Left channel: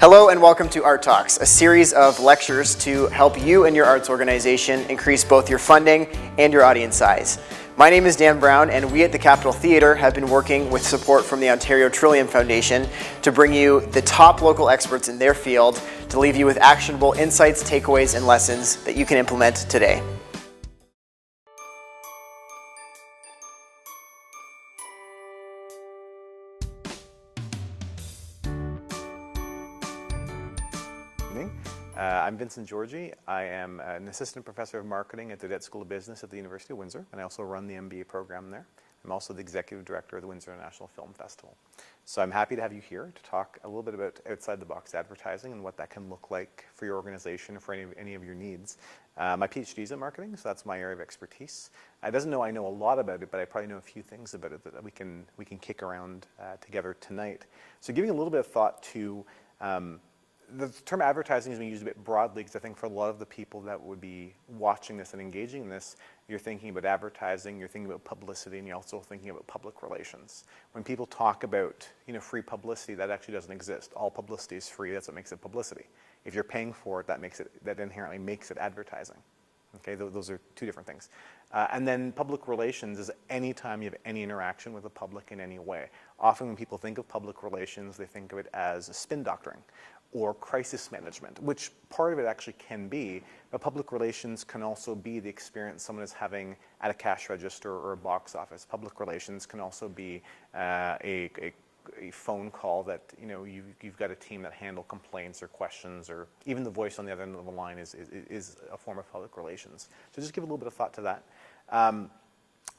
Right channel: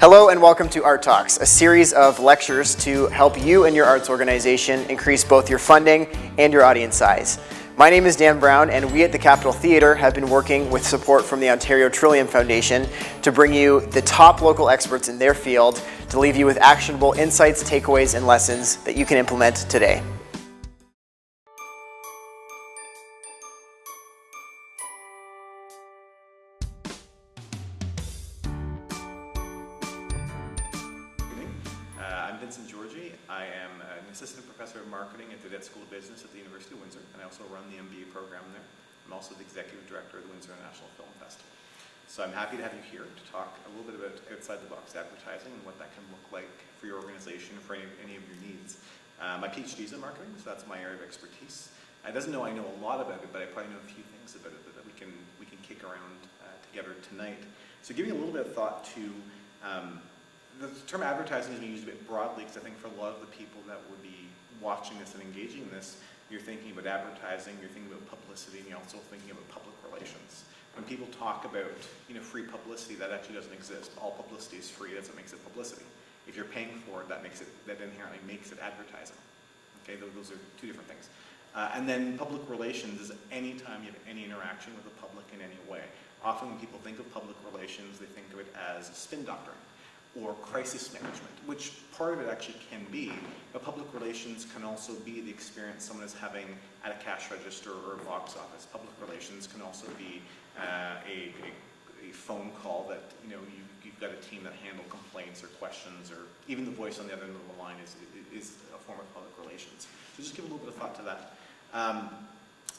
Hello and welcome to Art Talks, a series of lectures to help you and your arts organization increase both your funding and your audience size. My name is Dan Brown, and we at the Capitol Theatre have been working with support from the Ontario Trillium Foundation to bring you the top local experts in their field to leave you with actionable insights, takeaways, and lessons that you can implement today. I'm Vincent Georgie. I am an assistant professor of marketing at the Debt School of Business at the University of Windsor, and I also run the MBA program there. I'm also the executive director of the Windsor International Film Festival. So I'm happy to have you here to talk a little bit about outside-the-box advertising and what that can look like for your organization, for any of your needs. My PhD is in marketing, so that's my area of expertise. It doesn't know I know a lot about it, but I probably know a few things about it that we can kick around together tonight. So giving a little bit of thought to the term advertising is being used a bit broadly because I think for a lot of the people that would be watching this and engaging in this, you're thinking about advertising, you're thinking about publicity, and you're also thinking about public relations. When people talk about free publicity, that actually doesn't exist. All publicity is free. That's what makes it publicity. If you're paying for it, that inherently makes it advertising. Okay, those are two different things. And then public relations is any time you have any interaction with the public in any way. Often when people think of public relations, they think of it as a spin doctoring or crisis management, which part of it actually can be, but public relations can also be the experience someone is having at a cash register or a box office. Public relations can also be a phone call that you've got a team that handle complaints or questions, or even the voice on the other end of the line is a form of public relations. So just give a little bit of thought to that.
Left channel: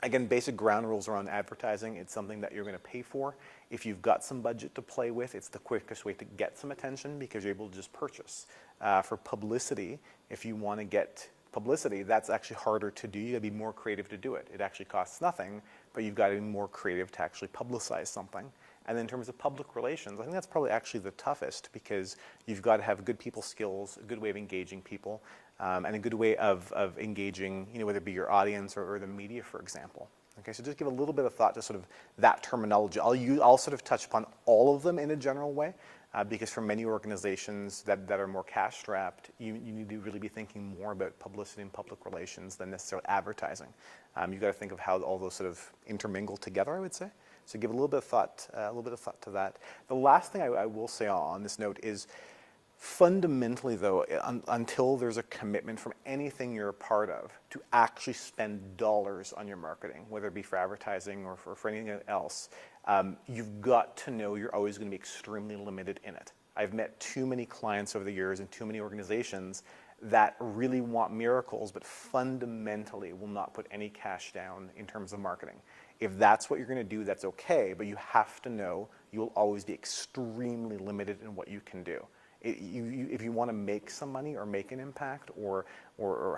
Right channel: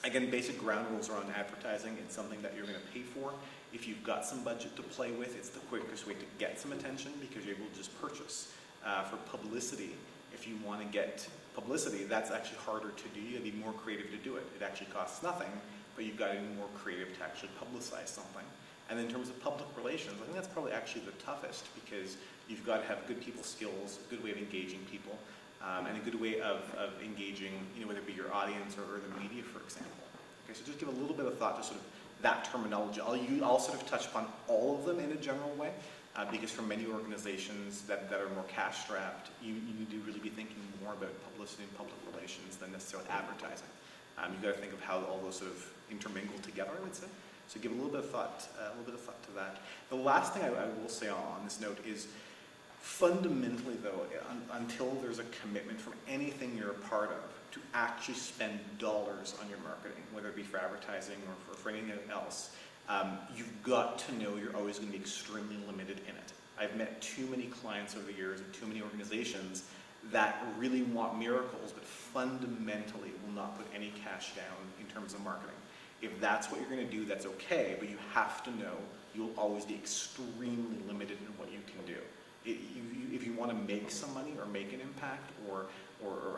Again, basic ground rules around advertising. It's something that you're going to pay for. If you've got some budget to play with, it's the quickest way to get some attention because you're able to just purchase. For publicity, if you want to get publicity, that's actually harder to do. You got to be more creative to do it. It actually costs nothing, but you've got to be more creative to actually publicize something. And then in terms of public relations, I think that's probably actually the toughest because you've got to have good people skills, a good way of engaging people, and a good way of engaging, whether it be your audience or the media, for example. Okay, so just give a little bit of thought to sort of that terminology. I'll sort of touch upon all of them in a general way, because for many organizations that are more cash-strapped, you need to really be thinking more about publicity and public relations than necessarily advertising. You've got to think of how all those sort of intermingle together, I would say. So give a little bit of thought to that. The last thing I will say on this note is, fundamentally, though, until there's a commitment from anything you're a part of to actually spend dollars on your marketing, whether it be for advertising or for anything else, you've got to know you're always going to be extremely limited in it. I've met too many clients over the years and too many organizations that really want miracles, but fundamentally will not put any cash down in terms of marketing. If that's what you're going to do, that's okay, but you have to know you'll always be extremely limited in what you can do. If you want to make some money or make an impact or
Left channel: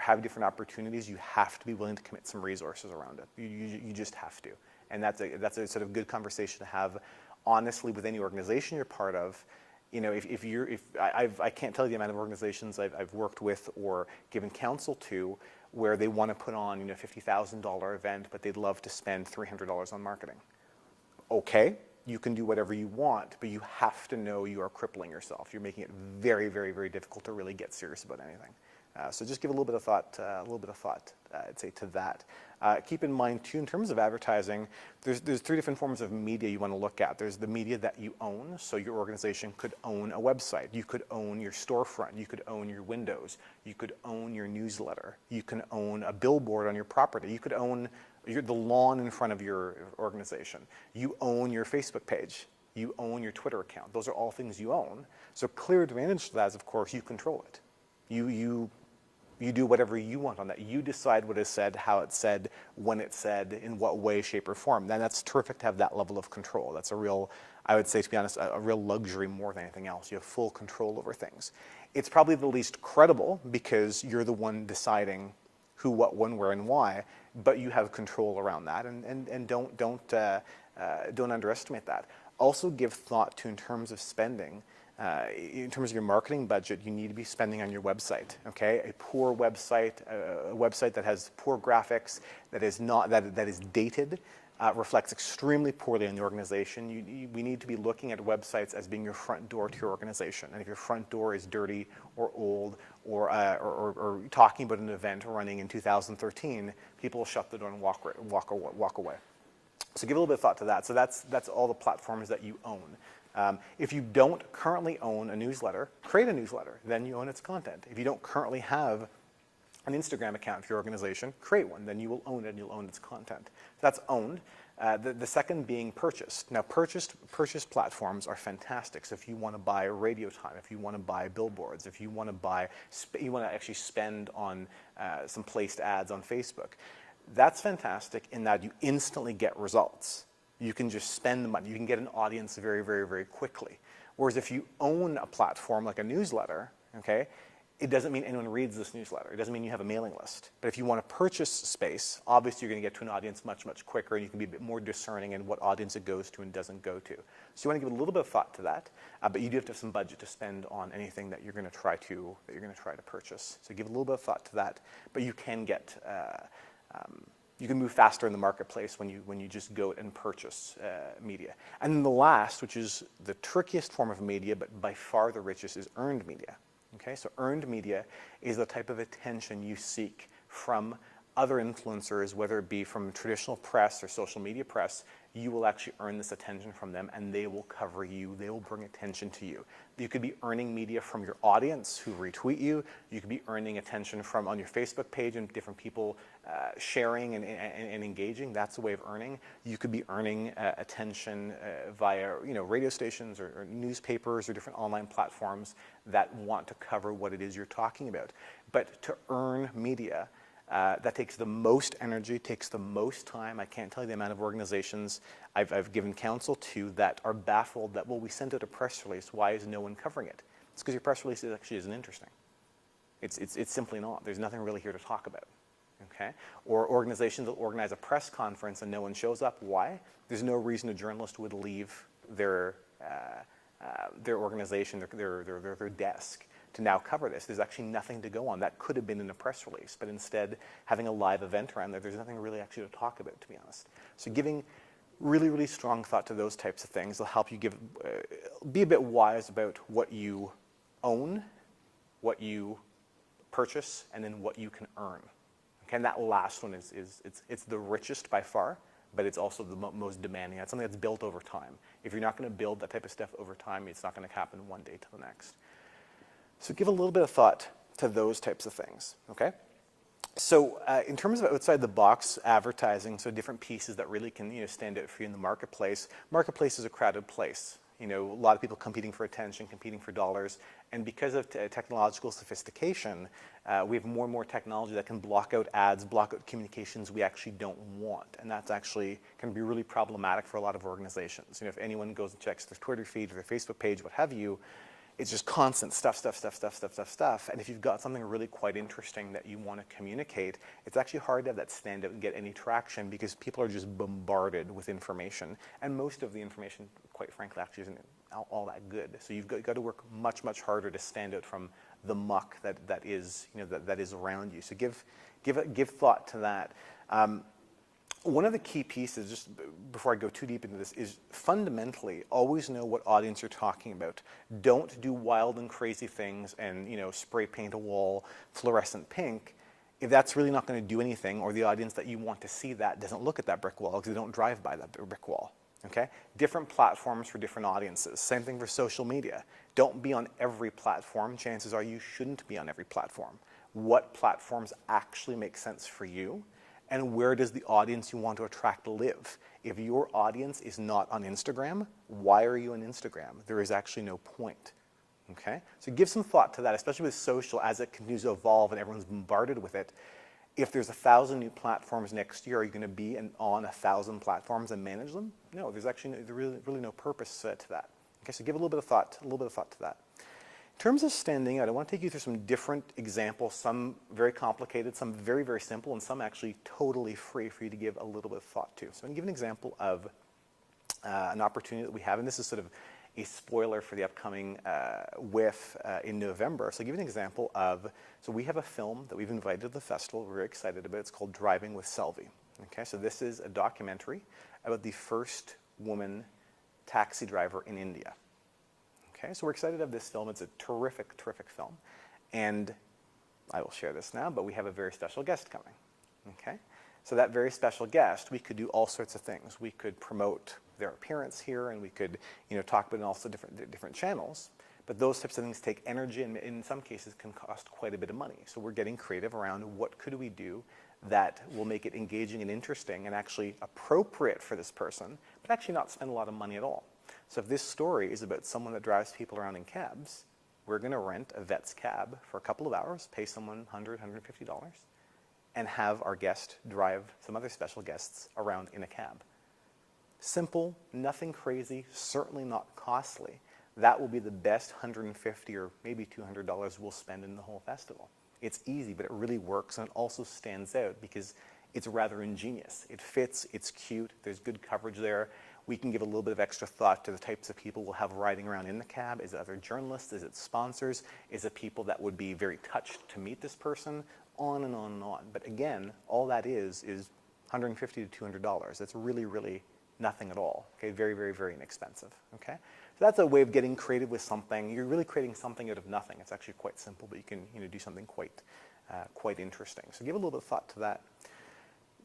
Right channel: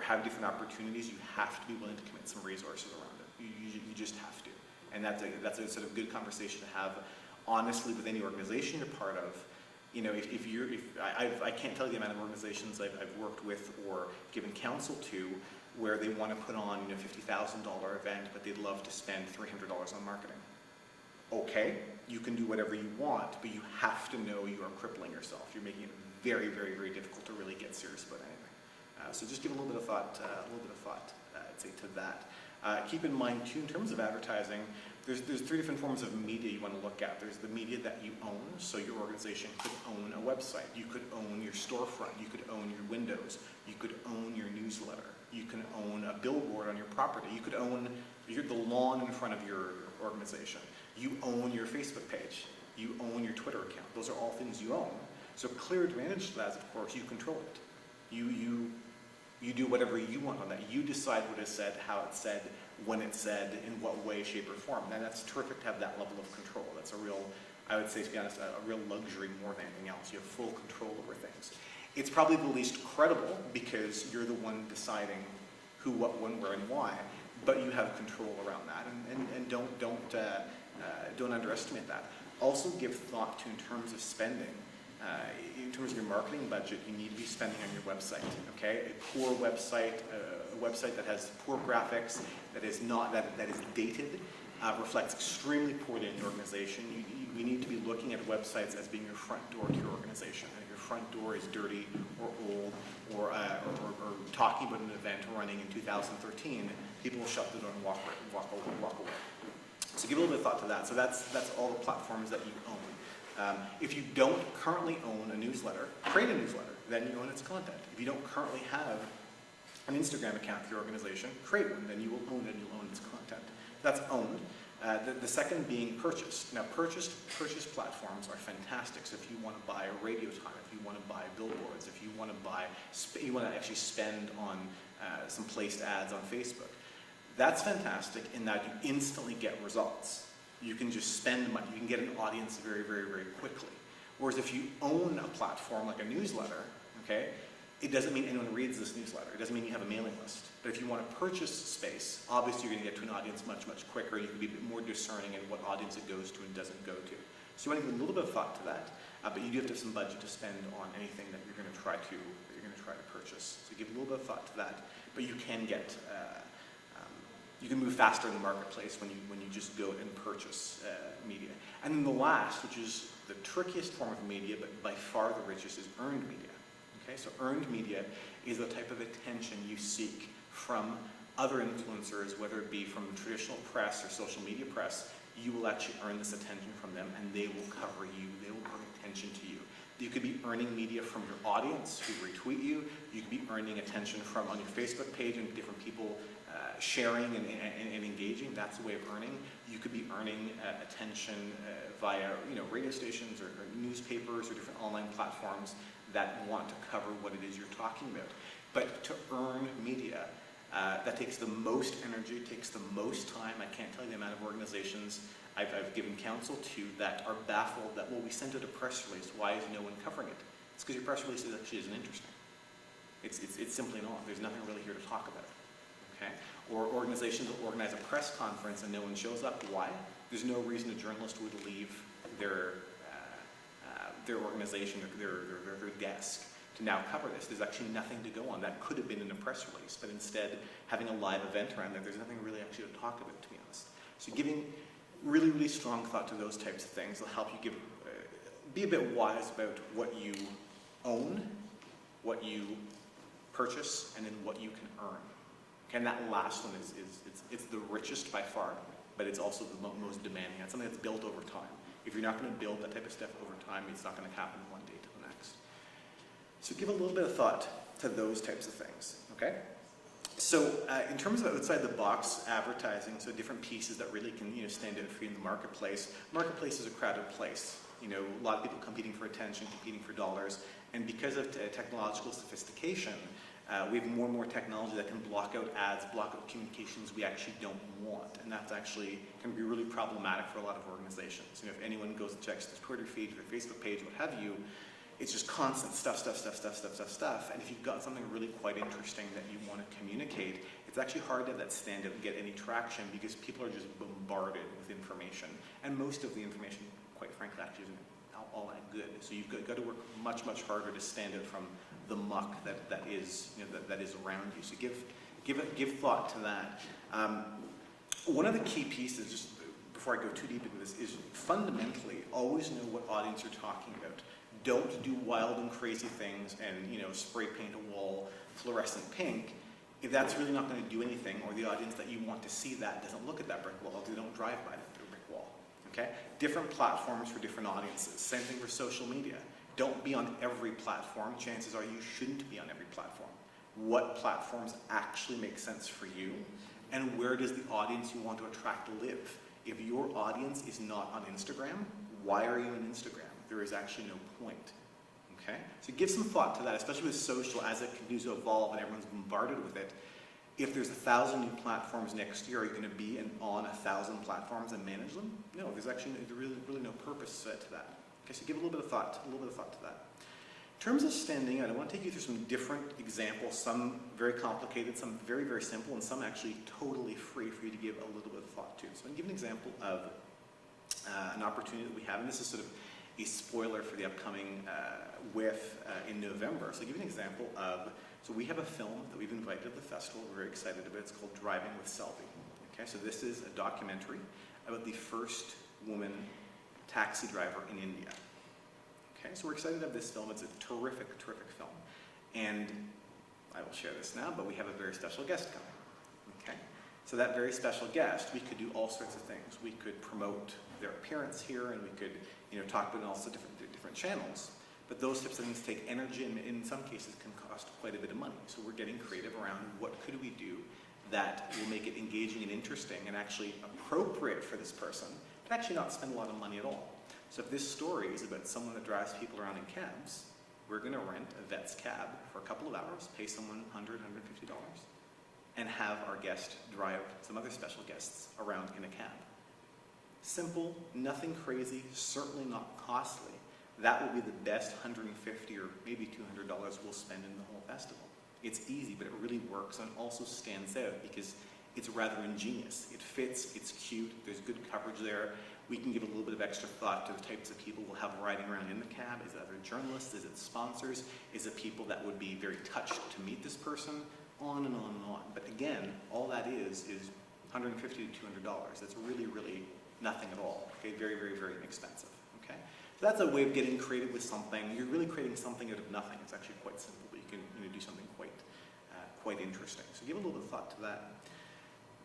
have different opportunities, you have to be willing to commit some resources around it. You just have to. And that's a sort of good conversation to have honestly with any organization you're part of. I can't tell you the amount of organizations I've worked with or given counsel to where they want to put on a $50,000 event, but they'd love to spend $300 on marketing. Okay, you can do whatever you want, but you have to know you are crippling yourself. You're making it very, very, very difficult to really get serious about anything. So just give a little bit of thought, I'd say, to that. Keep in mind, too, in terms of advertising, there's three different forms of media you want to look at. There's the media that you own, so your organization could own a website. You could own your storefront. You could own your windows. You could own your newsletter. You can own a billboard on your property. You could own the lawn in front of your organization. You own your Facebook page. You own your Twitter account. Those are all things you own. So clear advantage to that is, of course, you control it. You do whatever you want on that. You decide what is said, how it's said, when it's said, in what way, shape, or form. Then that's terrific to have that level of control. That's a real, I would say, to be honest, a real luxury more than anything else. You have full control over things. It's probably the least credible because you're the one deciding who, what, when, where, and why, but you have control around that, and don't underestimate that. Also give thought to, in terms of spending, in terms of your marketing budget, you need to be spending on your website, okay? A poor website, a website that has poor graphics, that is dated, reflects extremely poorly on the organization. We need to be looking at websites as being your front door to your organization. And if your front door is dirty or old or talking about an event running in 2013, people will shut the door and walk away. So give a little bit of thought to that. So that's all the platforms that you own. If you don't currently own a newsletter, create a newsletter. Then you own its content. If you don't currently have an Instagram account for your organization, create one. Then you will own it and you'll own its content. That's owned. The second being purchased. Now, purchase platforms are fantastic. So if you want to buy radio time, if you want to buy billboards, if you want to actually spend on some placed ads on Facebook, that's fantastic in that you instantly get results. You can just spend the money. You can get an audience very, very, very quickly. Whereas if you own a platform like a newsletter, okay, it doesn't mean anyone reads this newsletter. It doesn't mean you have a mailing list. But if you want to purchase space, obviously you're going to get to an audience much, much quicker, and you can be a bit more discerning in what audience it goes to and doesn't go to. So you want to give a little bit of thought to that, but you do have to have some budget to spend on anything that you're going to try to purchase. So give a little bit of thought to that, but you can get you can move faster in the marketplace when you just go and purchase media. And then the last, which is the trickiest form of media, but by far the richest, is earned media. Okay, so earned media is the type of attention you seek from other influencers, whether it be from traditional press or social media press. You will actually earn this attention from them, and they will cover you. They will bring attention to you. You could be earning media from your audience who retweet you. You could be earning attention from on your Facebook page and different people sharing and engaging. That's a way of earning. You could be earning attention via radio stations or newspapers or different online platforms that want to cover what it is you're talking about. But to earn media, that takes the most energy, takes the most time. I can't tell you the amount of organizations I've given counsel to that are baffled that, well, we sent out a press release. Why is no one covering it? It's because your press release actually isn't interesting. It's simply not. There's nothing really here to talk about. Okay? Or organizations that organize a press conference and no one shows up. Why? There's no reason a journalist would leave their organization, their desk to now cover this. There's actually nothing to go on. That could have been in a press release, but instead having a live event around there's nothing really actually to talk about, to be honest. So giving really, really strong thought to those types of things will help you be a bit wise about what you own, what you purchase, and then what you can earn. Okay, and that last one it's the richest by far, but it's also the most demanding. It's something that's built over time. If you're not going to build that type of stuff over time, it's not going to happen one day to the next. So give a little bit of thought to those types of things, okay? So in terms of outside the box advertising, so different pieces that really can stand out for you in the marketplace. Marketplace is a crowded place. A lot of people competing for attention, competing for dollars, and because of technological sophistication, we have more and more technology that can block out ads, block out communications we actually don't want, and that's actually can be really problematic for a lot of organizations. If anyone goes and checks their Twitter feed or their Facebook page, what have you, it's just constant stuff. And if you've got something really quite interesting that you want to communicate, it's actually hard to have that stand out and get any traction because people are just bombarded with information. And most of the information, quite frankly, actually isn't all that good. So you've got to work much, much harder to stand out from the muck that is around you. So give thought to that. One of the key pieces, just before I go too deep into this, is fundamentally always know what audience you're talking about. Don't do wild and crazy things and spray paint a wall fluorescent pink if that's really not going to do anything, or the audience that you want to see that doesn't look at that brick wall because they don't drive by that brick wall. Okay? Different platforms for different audiences. Same thing for social media. Don't be on every platform. Chances are you shouldn't be on every platform. What platforms actually make sense for you, and where does the audience you want to attract live? If your audience is not on Instagram, why are you on Instagram? There is actually no point. Okay? So give some thought to that, especially with social as it continues to evolve and everyone's bombarded with it. If there's 1,000 new platforms next year, are you going to be on 1,000 platforms and manage them? No, there's actually really no purpose to that. Okay, so give a little bit of thought to that. In terms of standing out, I want to take you through some different examples, some very complicated, some very, very simple, and some actually totally free for you to give a little bit of thought to. So I'm going to give an example of an opportunity that we have, and this is sort of a spoiler for the upcoming WIF in November. So I'll give you an example of, so we have a film that we've invited to the festival, we're very excited about. It's called Driving with Selby. Okay, so this is a documentary about the first woman taxi driver in India. Okay, so we're excited to have this film. It's a terrific, terrific film. And I will share this now, but we have a very special guest coming. Okay, so that very special guest, we could do all sorts of things. We could promote their appearance here, and we could, talk about also different channels. But those types of things take energy, and in some cases can cost quite a bit of money. So we're getting creative around what could we do that will make it engaging and interesting and actually appropriate for this person, but actually not spend a lot of money at all. So if this story is about someone that drives people around in cabs, we're going to rent a vet's cab for a couple of hours, pay someone $100, $150, and have our guest drive some other special guests around in a cab. Simple, nothing crazy, certainly not costly. That will be the best $150 or maybe $200 we'll spend in the whole festival. It's easy, but it really works, and it also stands out because it's rather ingenious. It fits, it's cute, there's good coverage there. We can give a little bit of extra thought to the types of people we'll have riding around in the cab. Is it other journalists? Is it sponsors? Is it people that would be very touched to meet this person? On and on and on. But again, all that is $150 to $200. That's really, really nothing at all. Okay, very, very, very inexpensive. Okay, so that's a way of getting creative with something. You're really creating something out of nothing. It's actually quite simple, but you can do something quite interesting. So give a little bit of thought to that.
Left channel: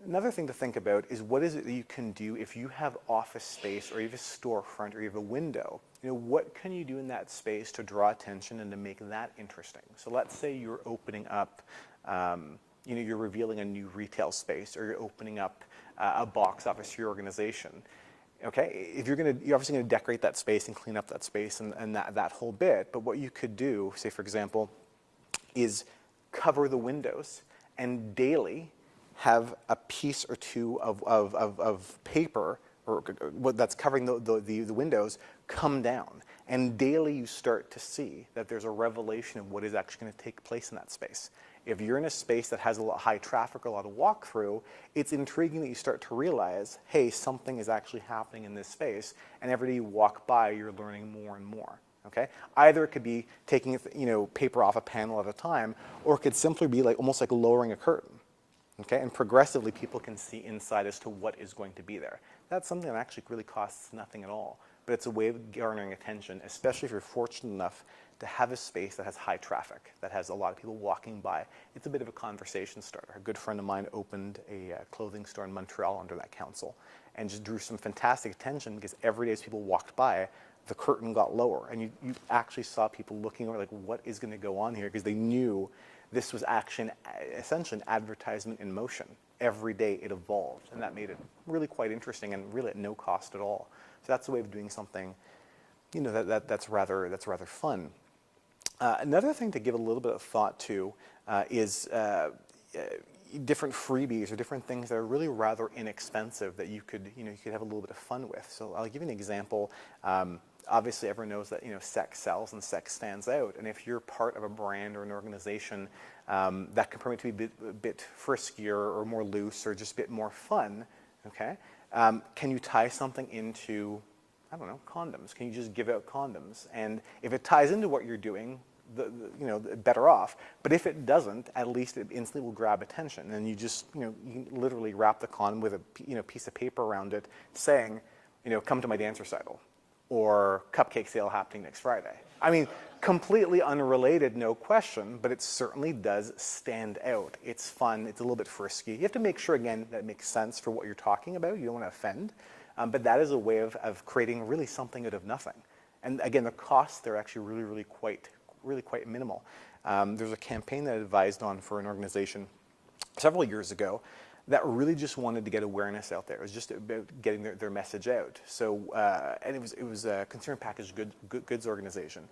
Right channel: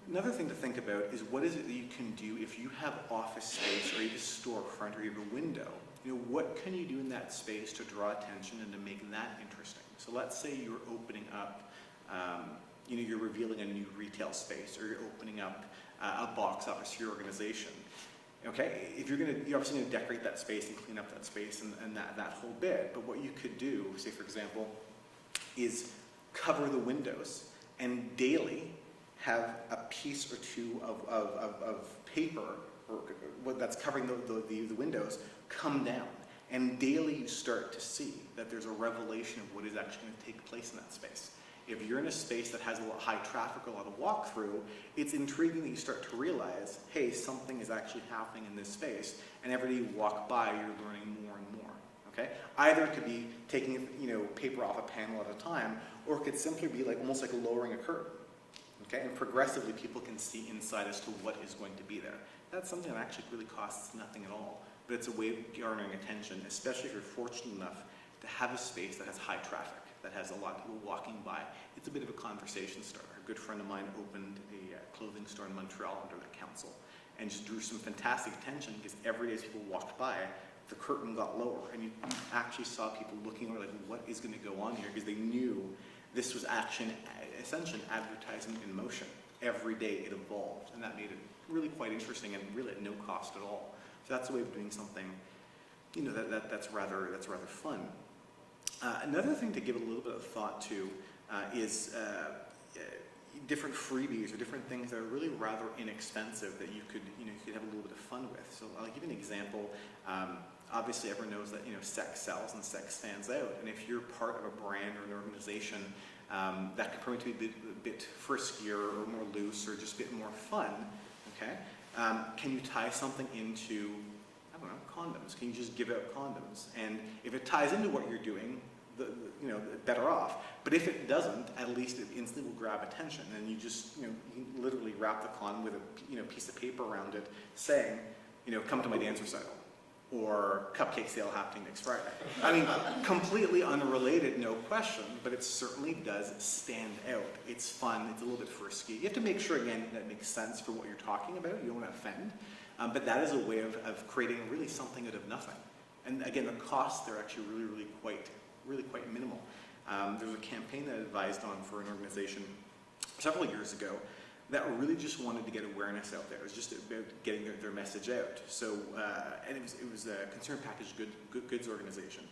Another thing to think about is what is it that you can do if you have office space or you have a storefront or you have a window. What can you do in that space to draw attention and to make that interesting? So let's say you're opening up, you're revealing a new retail space, or you're opening up a box office for your organization. Okay, if you're obviously going to decorate that space and clean up that space and that whole bit, but what you could do, say for example, is cover the windows and daily have a piece or two of paper or that's covering the windows come down. And daily you start to see that there's a revelation of what is actually going to take place in that space. If you're in a space that has a lot of high traffic, a lot of walk through, it's intriguing that you start to realize, hey, something is actually happening in this space, and every day you walk by, you're learning more and more. Okay? Either it could be taking paper off a panel at a time, or it could simply be almost like lowering a curtain. Okay? And progressively people can see inside as to what is going to be there. That's something that actually really costs nothing at all, but it's a way of garnering attention, especially if you're fortunate enough to have a space that has high traffic, that has a lot of people walking by. It's a bit of a conversation starter. A good friend of mine opened a clothing store in Montreal under that council and just drew some fantastic attention because every day as people walked by, the curtain got lower, and you actually saw people looking like, what is going to go on here? Because they knew this was essentially an advertisement in motion. Every day it evolved, and that made it really quite interesting and really at no cost at all. So that's a way of doing something, that's rather fun. Another thing to give a little bit of thought to is different freebies or different things that are really rather inexpensive that you could have a little bit of fun with. So I'll give you an example. Obviously, everyone knows that sex sells and sex stands out. And if you're part of a brand or an organization that could probably be a bit friskier or more loose or just a bit more fun, okay? Can you tie something into, I don't know, condoms? Can you just give out condoms? And if it ties into what you're doing, better off. But if it doesn't, at least it instantly will grab attention. And you just, you literally wrap the condom with a piece of paper around it saying, come to my dance recital, or cupcake sale happening next Friday. I mean, completely unrelated, no question, but it certainly does stand out. It's fun, it's a little bit frisky. You have to make sure, again, that it makes sense for what you're talking about. You don't want to offend. But that is a way of creating really something out of nothing. And again, the costs, they're actually really quite minimal. There's a campaign that I advised on for an organization several years ago that really just wanted to get awareness out there. It was just about getting their message out. So, and it was a consumer packaged goods organization.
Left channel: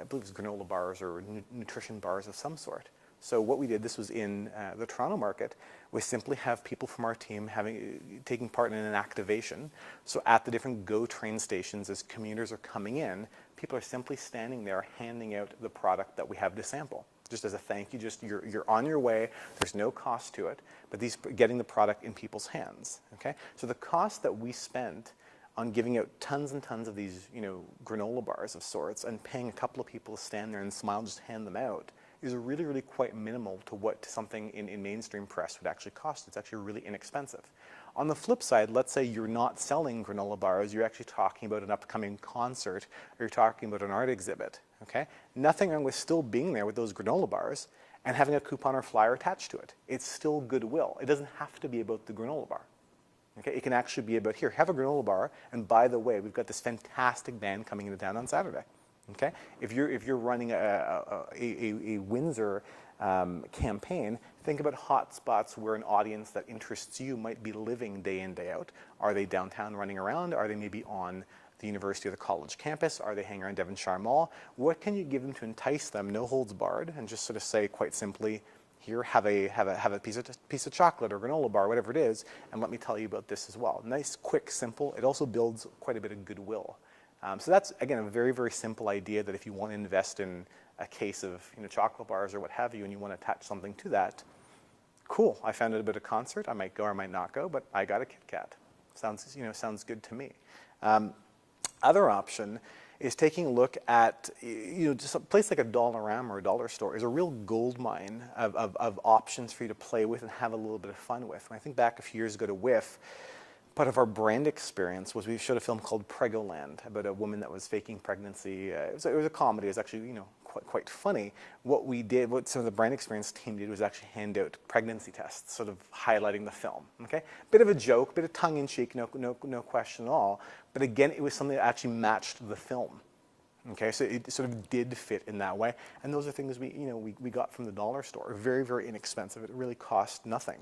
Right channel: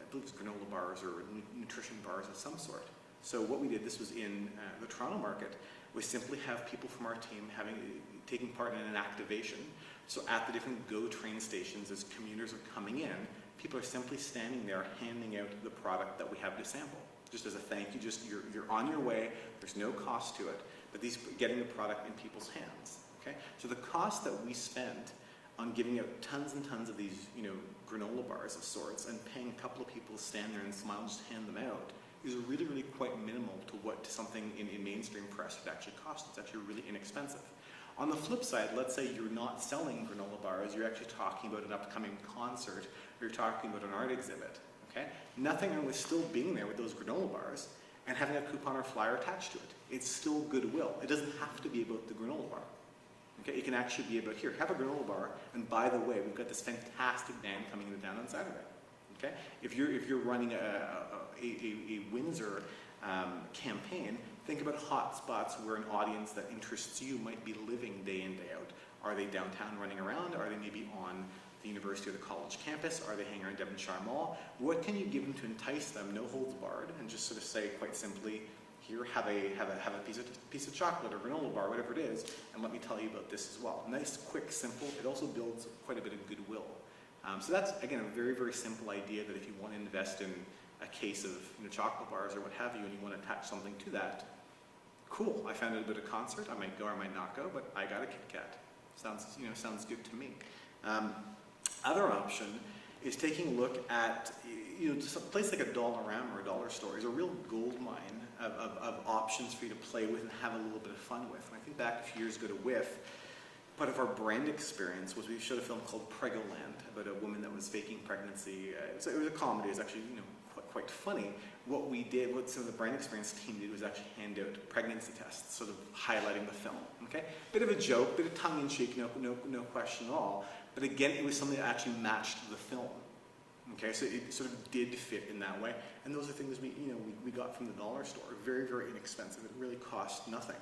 I believe it was granola bars or nutrition bars of some sort. So what we did, this was in the Toronto market, was simply have people from our team taking part in an activation. So at the different GO train stations, as commuters are coming in, people are simply standing there handing out the product that we have to sample. Just as a thank you, you're on your way, there's no cost to it, but getting the product in people's hands, okay? So the cost that we spent on giving out tons and tons of these, granola bars of sorts and paying a couple of people to stand there and smile and just hand them out is really, really quite minimal to what something in mainstream press would actually cost. It's actually really inexpensive. On the flip side, let's say you're not selling granola bars, you're actually talking about an upcoming concert, or you're talking about an art exhibit, okay? Nothing wrong with still being there with those granola bars and having a coupon or flyer attached to it. It's still goodwill. It doesn't have to be about the granola bar. Okay, it can actually be about, here, have a granola bar, and by the way, we've got this fantastic band coming into town on Saturday. Okay, if you're running a Windsor campaign, think about hot spots where an audience that interests you might be living day in, day out. Are they downtown running around? Are they maybe on the university or the college campus? Are they hanging around Devonshire Mall? What can you give them to entice them, no holds barred, and just sort of say quite simply, here, have a piece of chocolate or granola bar, whatever it is, and let me tell you about this as well. Nice, quick, simple. It also builds quite a bit of goodwill. So that's, again, a very, very simple idea that if you want to invest in a case of chocolate bars or what have you, and you want to attach something to that, cool. I found out about a concert. I might go or I might not go, but I got a Kit Kat. Sounds good to me. Other option is taking a look at, just a place like a Dollarama or a dollar store is a real gold mine of options for you to play with and have a little bit of fun with. When I think back a few years ago to WIF, part of our brand experience was we showed a film called Pregoland about a woman that was faking pregnancy. So it was a comedy. It was actually, quite funny. What the brand experience team did was actually hand out pregnancy tests, sort of highlighting the film. Okay, bit of a joke, bit of tongue-in-cheek, no question at all. But again, it was something that actually matched the film. Okay, so it sort of did fit in that way. And those are things we got from the dollar store. Very, very inexpensive. It really cost nothing.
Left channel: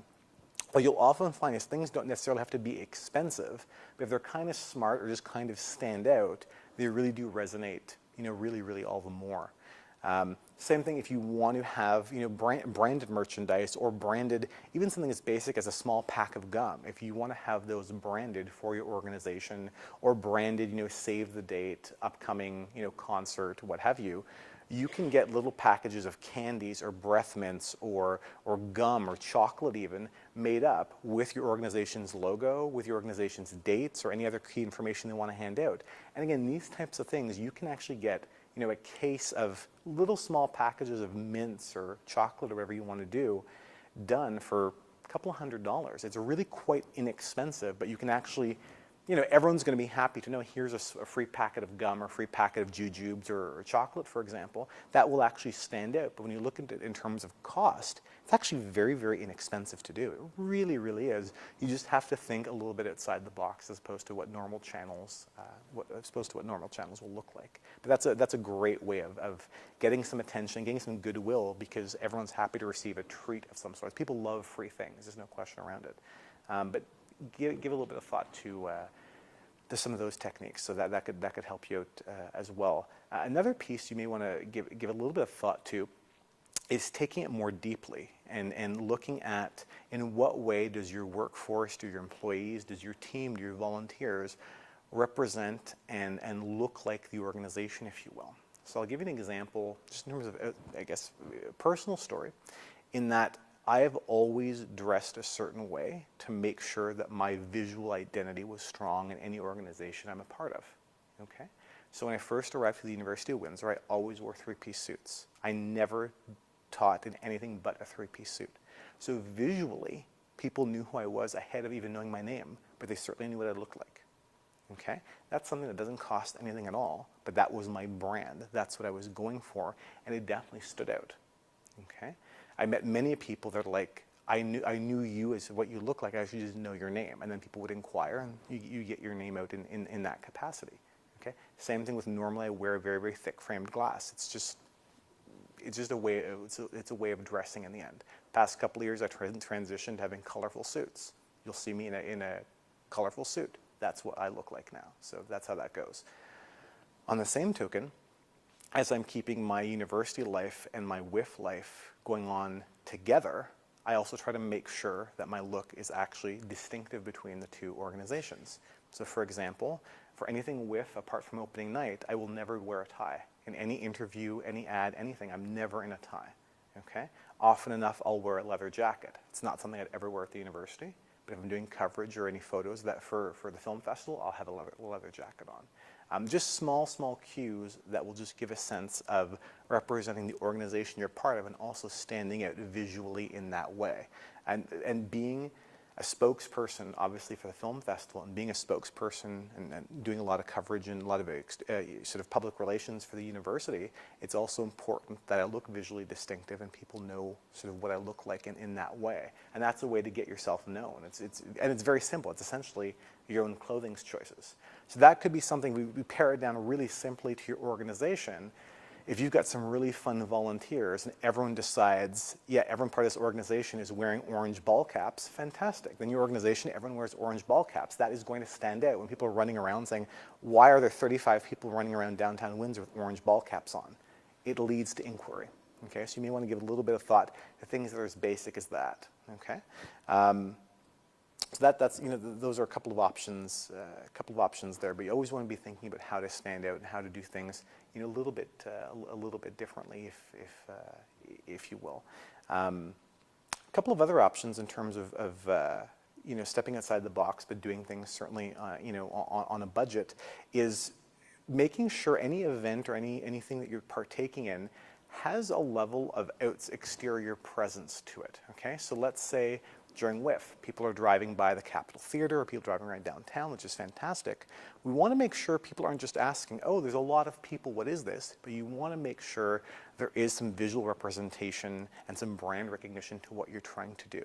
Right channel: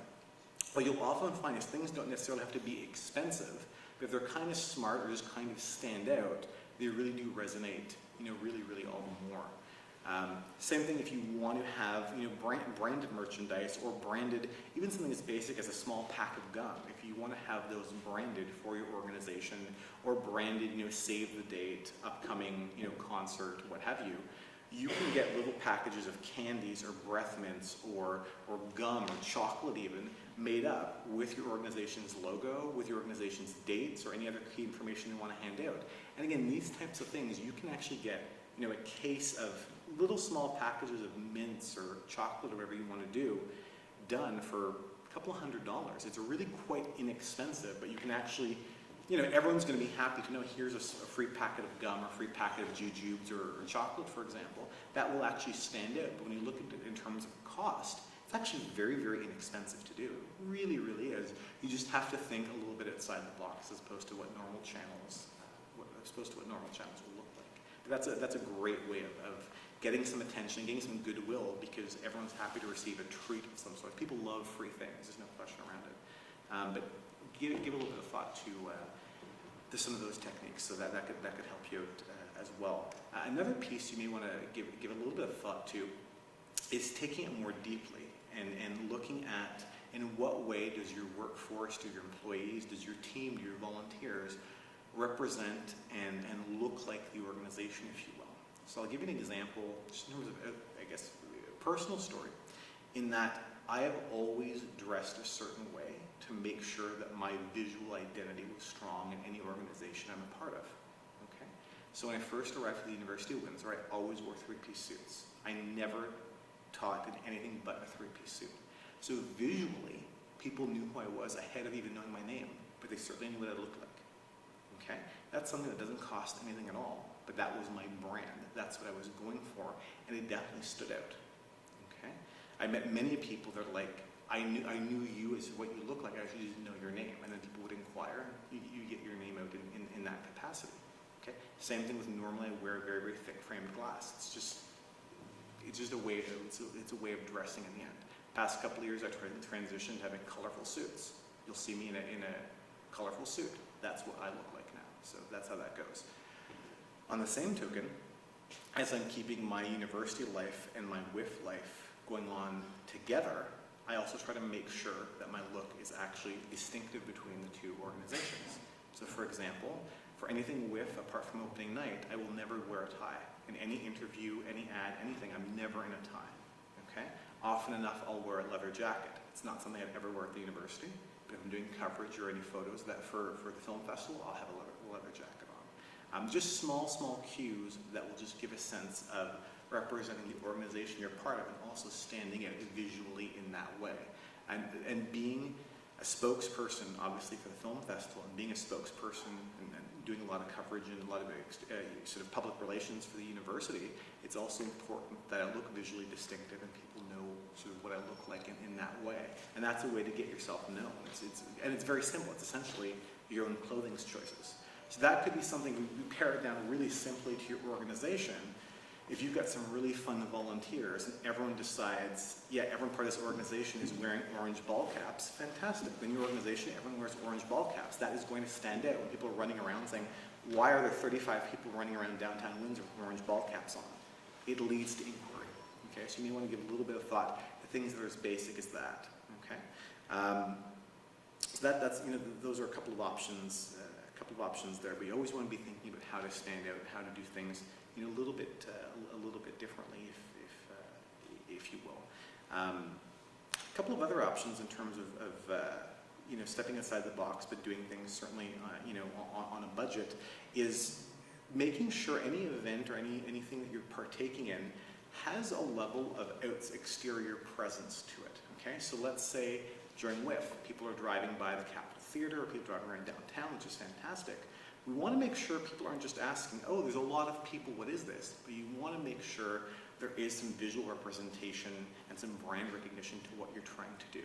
What you'll often find is things don't necessarily have to be expensive, but if they're kind of smart or just kind of stand out, they really do resonate, really, really all the more. Same thing if you want to have branded merchandise or branded, even something as basic as a small pack of gum. If you want to have those branded for your organization or branded, save the date, upcoming, concert, what have you, you can get little packages of candies or breath mints or gum or chocolate even made up with your organization's logo, with your organization's dates or any other key information they want to hand out. And again, these types of things, you can actually get a case of little small packages of mints or chocolate or whatever you want to do done for a couple of $100s. It's really quite inexpensive, but you can actually, everyone's going to be happy to know here's a free packet of gum or free packet of jujubes or chocolate, for example. That will actually stand out. But when you look at it in terms of cost, it's actually very, very inexpensive to do. It really, really is. You just have to think a little bit outside the box as opposed to what normal channels will look like. But that's a great way of getting some attention, getting some goodwill, because everyone's happy to receive a treat of some sort. People love free things. There's no question around it. But give a little bit of thought to some of those techniques, so that could help you out as well. Another piece you may want to give a little bit of thought to is taking it more deeply and looking at in what way does your workforce, do your employees, does your team, do your volunteers represent and look like the organization, if you will. So I'll give you an example, just in terms of, a personal story, in that I have always dressed a certain way to make sure that my visual identity was strong in any organization I'm a part of. Okay? So when I first arrived at the University of Windsor, I always wore three-piece suits. I never taught in anything but a three-piece suit. So visually, people knew who I was ahead of even knowing my name, but they certainly knew what I looked like. Okay? That's something that doesn't cost anything at all, but that was my brand. That's what I was going for, and it definitely stood out. Okay? I met many people that are like, I knew you as what you look like, I actually didn't know your name, and then people would inquire, and you get your name out in that capacity. Okay? Same thing with normally I wear very, very thick framed glass. It's just a way, it's a way of dressing in the end. Past couple of years, I've transitioned to having colorful suits. You'll see me in a colorful suit. That's what I look like now. So that's how that goes. On the same token, as I'm keeping my university life and my WIF life going on together, I also try to make sure that my look is actually distinctive between the two organizations. So for example, for anything WIF apart from opening night, I will never wear a tie. In any interview, any ad, anything, I'm never in a tie. Okay? Often enough, I'll wear a leather jacket. It's not something I'd ever wear at the university. But if I'm doing coverage or any photos that for the film festival, I'll have a leather jacket on. Just small cues that will just give a sense of representing the organization you're part of and also standing out visually in that way. And being a spokesperson, obviously, for the film festival, and being a spokesperson and doing a lot of coverage and a lot of sort of public relations for the university, it's also important that I look visually distinctive and people know sort of what I look like in that way. And that's a way to get yourself known. And it's very simple. It's essentially your own clothing choices. So that could be something, we pare it down really simply to your organization. If you've got some really fun volunteers and everyone decides, yeah, everyone part of this organization is wearing orange ball caps, fantastic. Then your organization, everyone wears orange ball caps. That is going to stand out when people are running around saying, why are there 35 people running around downtown Windsor with orange ball caps on? It leads to inquiry. Okay, so you may want to give a little bit of thought to things that are as basic as that. Okay, so that's those are a couple of options there. But you always want to be thinking about how to stand out and how to do things a little bit differently, if you will. A couple of other options in terms of stepping outside the box, but doing things certainly on a budget, is making sure any event or anything that you're partaking in has a level of exterior presence to it. Okay, so let's say during WIF, people are driving by the Capitol Theatre or people driving around downtown, which is fantastic. We want to make sure people aren't just asking, oh, there's a lot of people, what is this? But you want to make sure there is some visual representation and some brand recognition to what you're trying to do.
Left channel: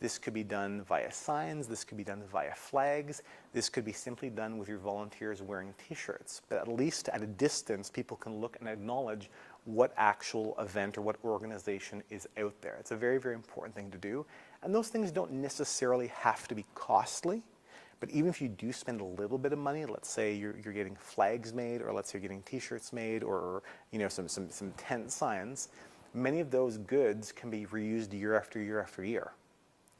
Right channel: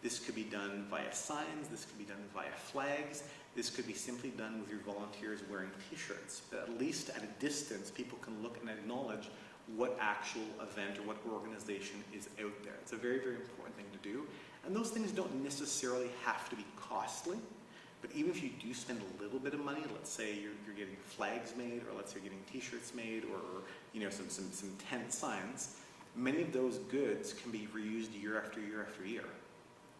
This could be done via signs, this could be done via flags, this could be simply done with your volunteers wearing t-shirts. But at least at a distance, people can look and acknowledge what actual event or what organization is out there. It's a very, very important thing to do. And those things don't necessarily have to be costly. But even if you do spend a little bit of money, let's say you're getting flags made, or let's say you're getting t-shirts made, or some tent signs, many of those goods can be reused year after year after year.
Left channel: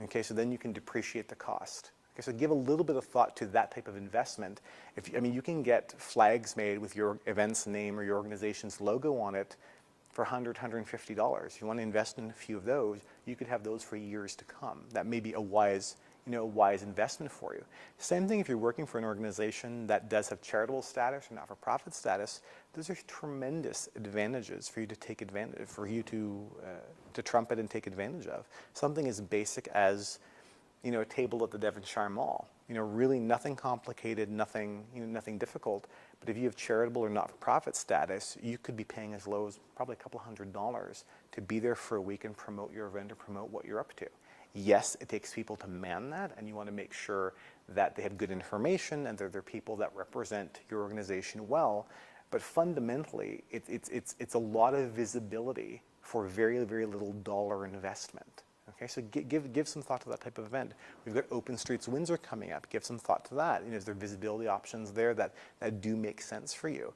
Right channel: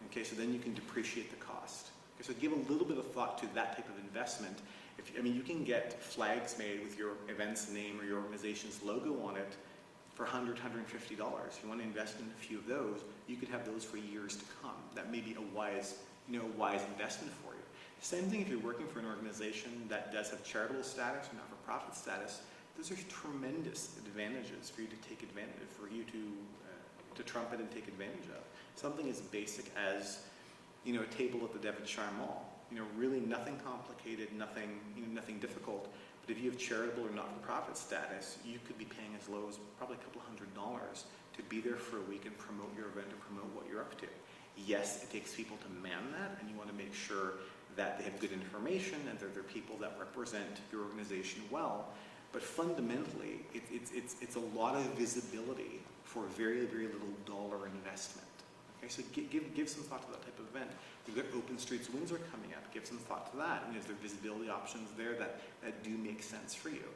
Okay, so then you can depreciate the cost. Okay, so give a little bit of thought to that type of investment. You can get flags made with your event's name or your organization's logo on it for $100, $150. If you want to invest in a few of those, you could have those for years to come. That may be a wise investment for you. Same thing if you're working for an organization that does have charitable status or not-for-profit status. Those are tremendous advantages for you to take advantage, for you to trumpet and take advantage of. Something as basic as a table at the Devonshire Mall. Really nothing complicated, nothing difficult. But if you have charitable or not-for-profit status, you could be paying as low as probably a couple $100s to be there for a week and promote your event or promote what you're up to. Yes, it takes people to man that, and you want to make sure that they have good information and they're people that represent your organization well. But fundamentally, it's a lot of visibility for very, very little dollar investment. Okay, so give some thought to that type of event. We've got Open Streets Windsor coming up. Give some thought to that. Is there visibility options there that do make sense for you?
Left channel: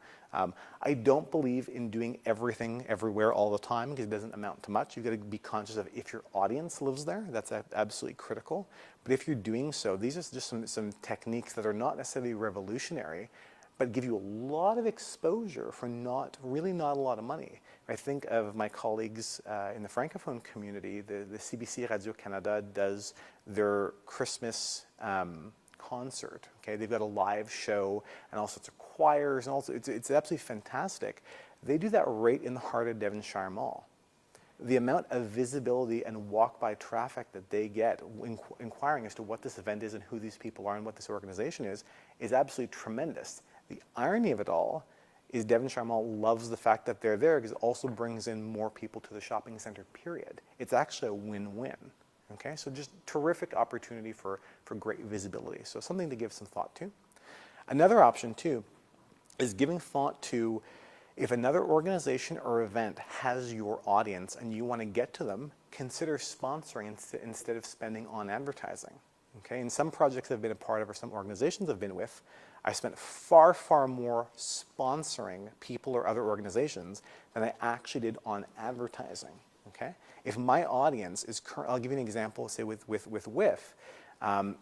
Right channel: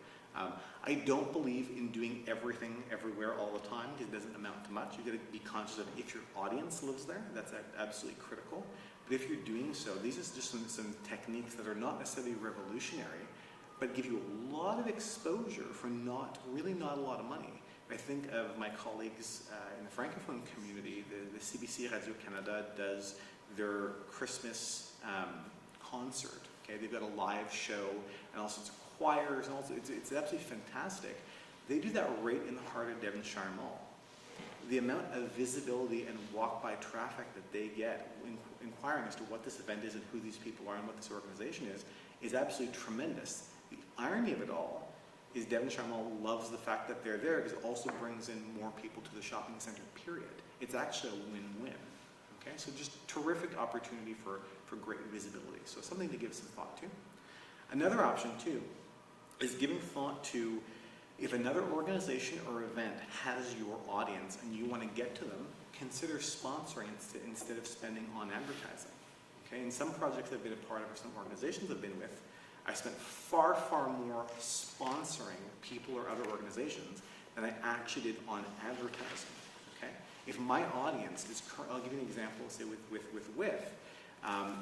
I don't believe in doing everything everywhere all the time because it doesn't amount to much. You've got to be conscious of if your audience lives there. That's absolutely critical. But if you're doing so, these are just some techniques that are not necessarily revolutionary, but give you a lot of exposure for not a lot of money. I think of my colleagues in the Francophone community. The CBC Radio-Canada does their Christmas concert. Okay, they've got a live show and all sorts of choirs, and also it's absolutely fantastic. They do that right in the heart of Devonshire Mall. The amount of visibility and walk-by traffic that they get inquiring as to what this event is and who these people are and what this organization is absolutely tremendous. The irony of it all is Devonshire Mall loves the fact that they're there because it also brings in more people to the shopping center, period. It's actually a win-win. Okay, so just terrific opportunity for great visibility. So something to give some thought to. Another option too is giving thought to if another organization or event has your audience and you want to get to them, consider sponsoring instead of spending on advertising. Okay, in some projects I've been a part of or some organizations I've been with, I spent far, far more sponsoring people or other organizations than I actually did on advertising. Okay, if my audience is I'll give you an example. Say with WIF,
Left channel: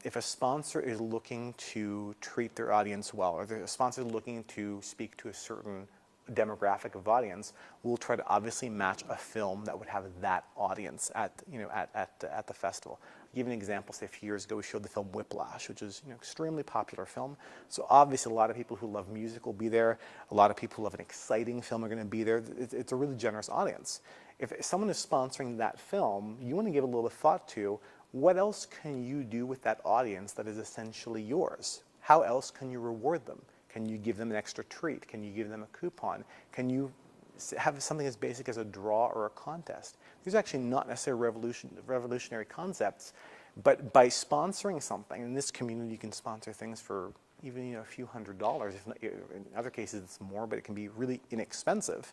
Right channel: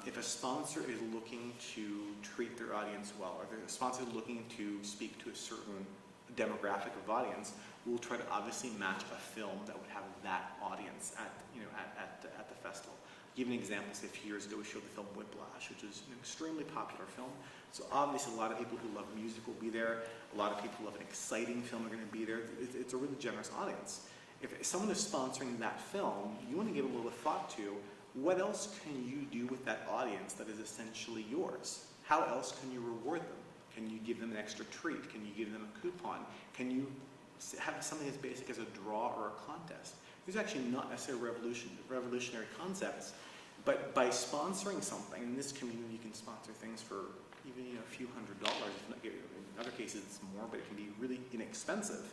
if a sponsor is looking to treat their audience well, or a sponsor is looking to speak to a certain demographic of audience, we'll try to obviously match a film that would have that audience at the festival. I'll give you an example. Say a few years ago, we showed the film Whiplash, which is an extremely popular film. So obviously, a lot of people who love music will be there. A lot of people who love an exciting film are going to be there. It's a really generous audience. If someone is sponsoring that film, you want to give a little thought to what else can you do with that audience that is essentially yours? How else can you reward them? Can you give them an extra treat? Can you give them a coupon? Can you have something as basic as a draw or a contest? These are actually not necessarily revolutionary concepts, but by sponsoring something, in this community you can sponsor things for even a few $100s. If not, in other cases it's more, but it can be really inexpensive.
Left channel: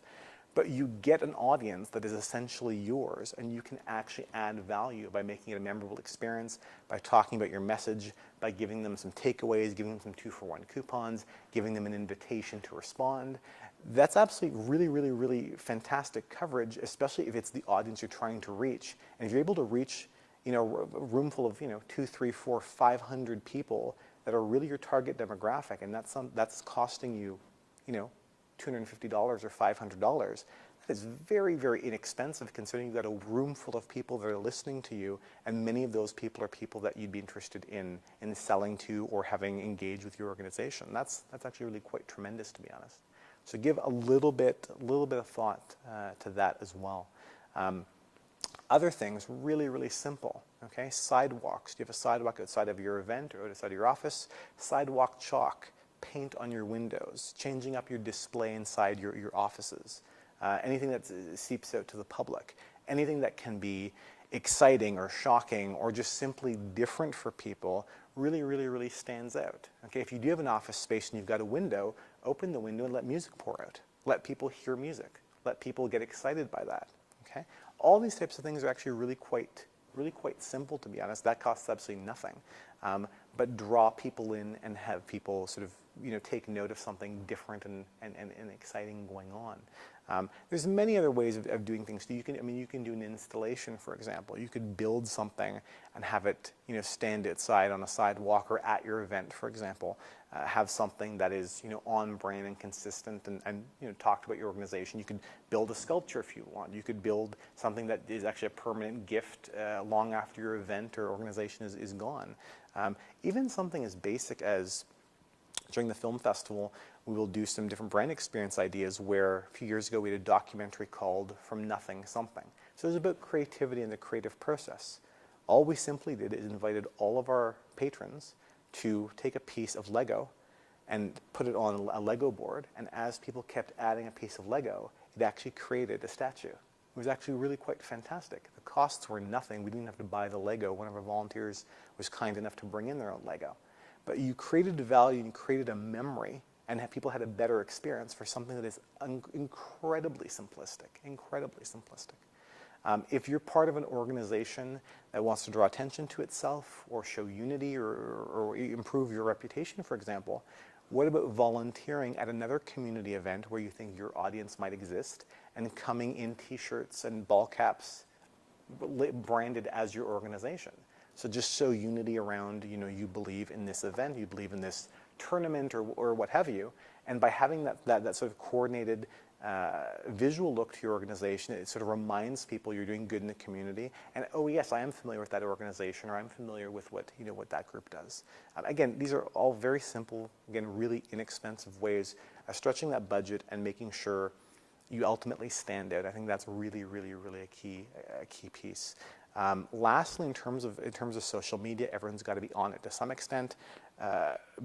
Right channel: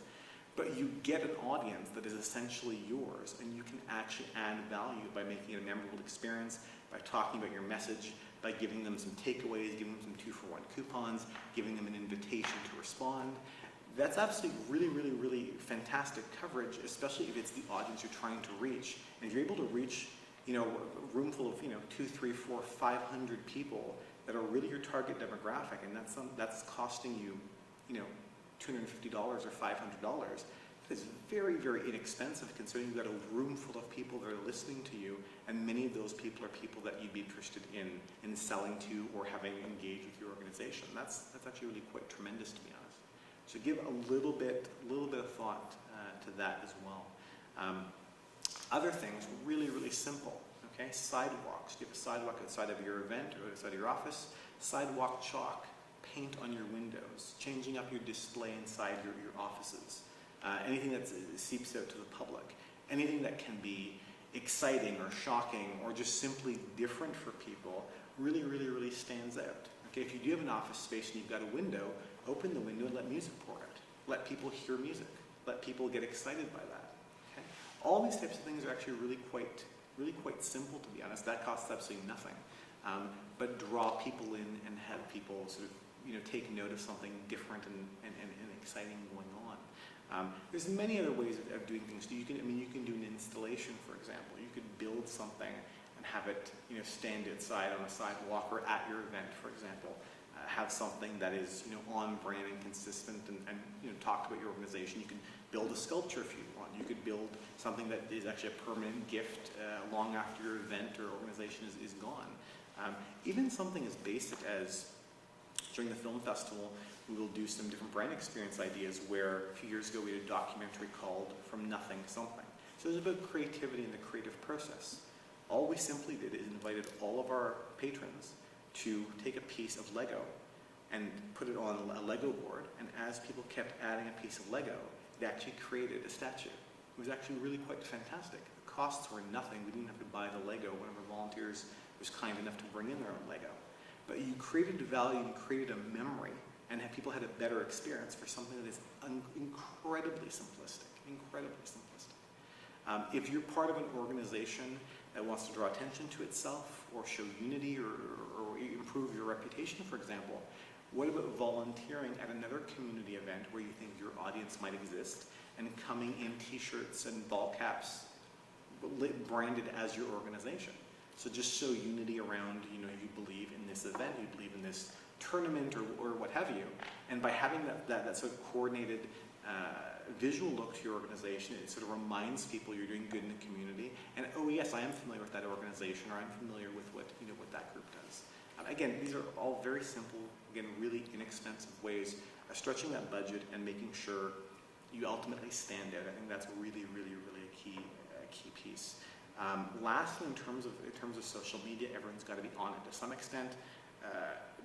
But you get an audience that is essentially yours, and you can actually add value by making it a memorable experience, by talking about your message, by giving them some takeaways, giving them some 2-for-1 coupons, giving them an invitation to respond. That's absolutely really fantastic coverage, especially if it's the audience you're trying to reach. And if you're able to reach, a room full of 2, 3, 4, 500 people that are really your target demographic, and that's costing you, $250 or $500. It's very inexpensive considering you've got a room full of people that are listening to you, and many of those people are people that you'd be interested in selling to or having engaged with your organization. That's actually really quite tremendous, to be honest. So give a little bit of thought to that as well. Other things, really simple. Okay, sidewalks. Do you have a sidewalk outside of your event or outside of your office? Sidewalk chalk. Paint on your windows, changing up your display inside your offices, anything that seeps out to the public, anything that can be exciting or shocking or just simply different for people really stands out. Okay, if you do have an office space and you've got a window, open the window and let music pour out. Let people hear music. Let people get excited by that. Okay, all these types of things are actually really quite simple, to be honest. That costs absolutely nothing, but draw people in and have people sort of take note of something different and exciting going on. There's many other ways of doing things. You can do an installation, for example. You could build something and have it stand outside on a sidewalk or at your event, for example. Have something that is on brand and consistent and talk about your organization. You could build a sculpture if you want. You could build something that is actually a permanent gift long after your event or organization is gone. Even something as basic as during the film festival, we will do some different brand experience ideas where a few years ago we did a documentary called From Nothing Something. So it was about creativity and the creative process. All we simply did is invited all of our patrons to take a piece of Lego and put it on a Lego board, and as people kept adding a piece of Lego, it actually created a statue. It was actually really quite fantastic. The costs were nothing. We didn't have to buy the Lego. One of our volunteers was kind enough to bring in their own Lego. But you created a value, you created a memory, and people had a better experience for something that is incredibly simplistic, if you're part of an organization that wants to draw attention to itself or show unity or improve your reputation, for example, what about volunteering at another community event where you think your audience might exist and coming in t-shirts and ball caps branded as your organization? So just show unity around, you believe in this event, you believe in this tournament or what have you. And by having that sort of coordinated visual look to your organization, it sort of reminds people you're doing good in the community. And oh yes, I am familiar with that organization, or I'm familiar with what that group does. Again, these are all very simple, again, really inexpensive ways of stretching that budget and making sure you ultimately stand out. I think that's really a key piece. Lastly, in terms of social media, everyone's got to be on it to some extent.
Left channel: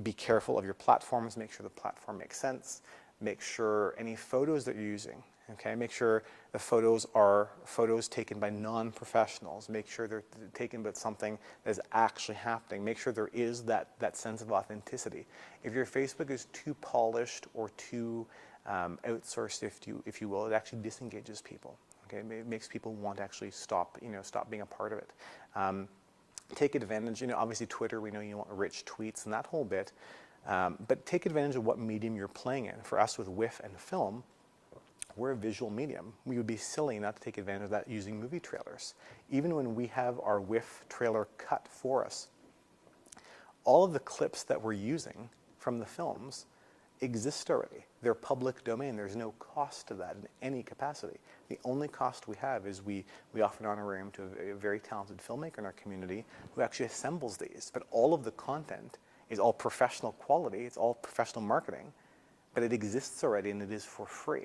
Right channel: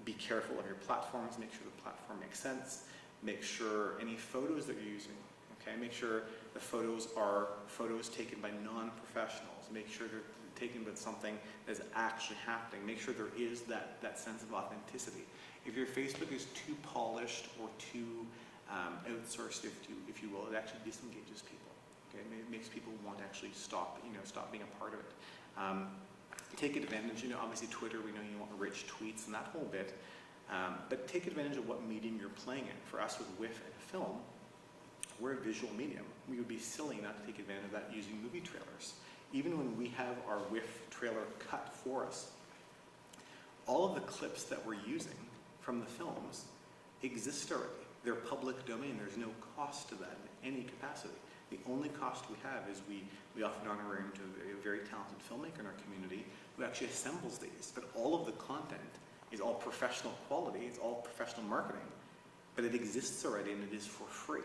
Be careful of your platforms. Make sure the platform makes sense. Make sure any photos that you're using, okay, make sure the photos are photos taken by non-professionals. Make sure they're taken about something that is actually happening. Make sure there is that sense of authenticity. If your Facebook is too polished or too outsourced, if you will, it actually disengages people. Okay, it makes people want to actually stop being a part of it. Take advantage, obviously Twitter, we know you want rich tweets and that whole bit, but take advantage of what medium you're playing in. For us with WIF and film, we're a visual medium. We would be silly not to take advantage of that using movie trailers. Even when we have our WIF trailer cut for us, all of the clips that we're using from the films exist already. They're public domain. There's no cost to that in any capacity. The only cost we have is we offer an honorarium to a very talented filmmaker in our community who actually assembles these. But all of the content is all professional quality. It's all professional marketing. But it exists already and it is for free.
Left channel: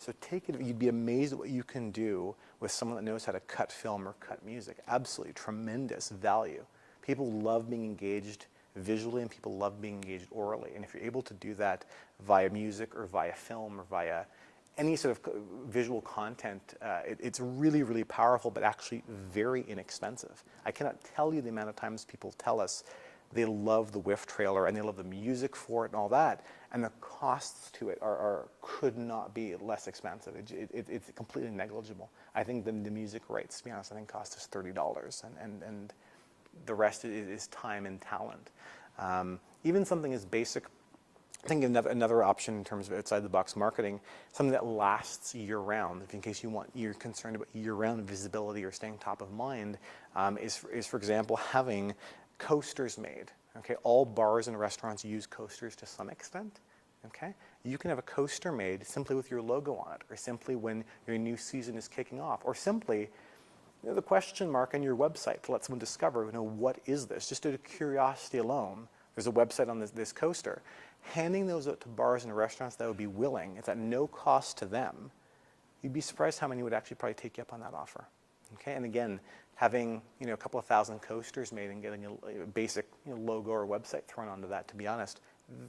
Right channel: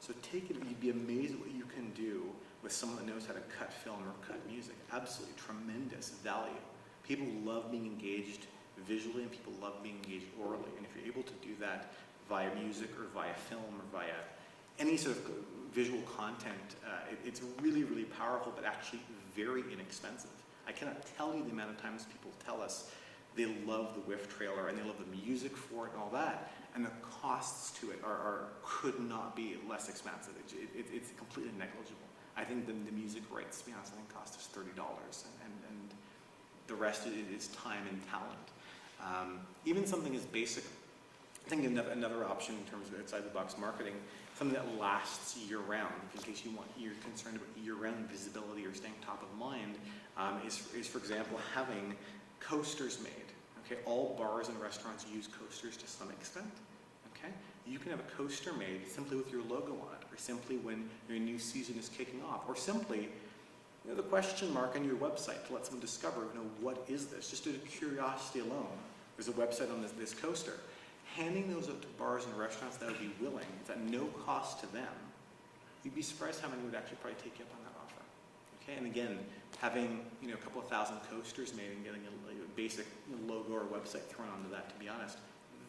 So take it, you'd be amazed at what you can do with someone that knows how to cut film or cut music. Absolutely tremendous value. People love being engaged visually and people love being engaged orally. And if you're able to do that via music or via film or via any sort of visual content, it's really, really powerful, but actually very inexpensive. I cannot tell you the amount of times people tell us they love the whiff trailer and they love the music for it and all that, and the costs to it could not be less expensive. It's completely negligible. I think the music rights, to be honest, I think cost us $30, and the rest is time and talent. Even something as basic, I think another option in terms of outside the box marketing, something that lasts year round, in case you're concerned about year round visibility or staying top of mind, is for example having coasters made. Okay, all bars and restaurants use coasters to some extent. Okay, you can have a coaster made simply with your logo on it, or simply when your new season is kicking off, or simply the question mark on your website to let someone discover, what is this? Just out of curiosity alone, there's a website on this coaster. Handing those out to bars and restaurants that would be willing, it's at no cost to them. You'd be surprised how many would actually probably take you up on that offer. Okay, and again, having a couple of thousand coasters made and getting a basic logo or website thrown onto that, to be honest,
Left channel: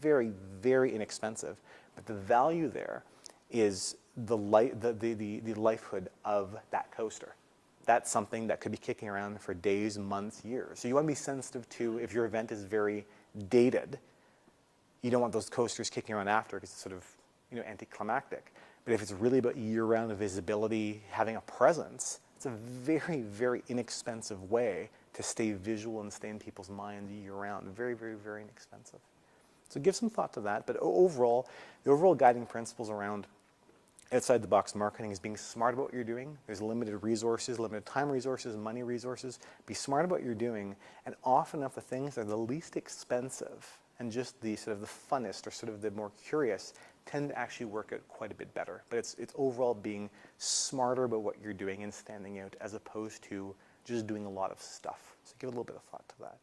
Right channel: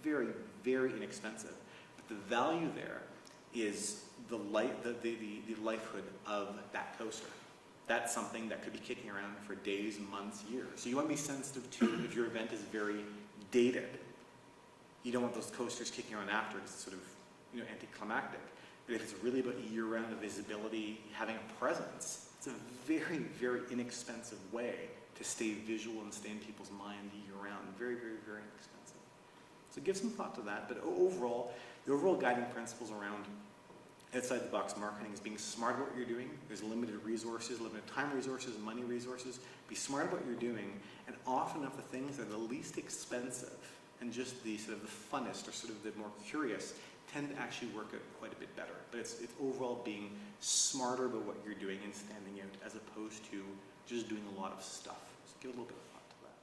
very, very inexpensive. But the value there is the lifehood of that coaster. That's something that could be kicking around for days, months, years. So you want to be sensitive to, if your event is very dated, you don't want those coasters kicking around after because it's sort of anticlimactic. But if it's really about year-round visibility, having a presence, it's a very, very inexpensive way to stay visual and stay in people's mind year-round. Very, very, very inexpensive. So give some thought to that. But overall, the overall guiding principles around outside-the-box marketing is being smart about what you're doing. There's limited resources, limited time resources, money resources. Be smart about what you're doing. And often enough, the things that are the least expensive and just the sort of the funnest or sort of the more curious tend to actually work out quite a bit better. But it's overall being smarter about what you're doing and standing out as opposed to just doing a lot of stuff. So give a little bit of thought to that.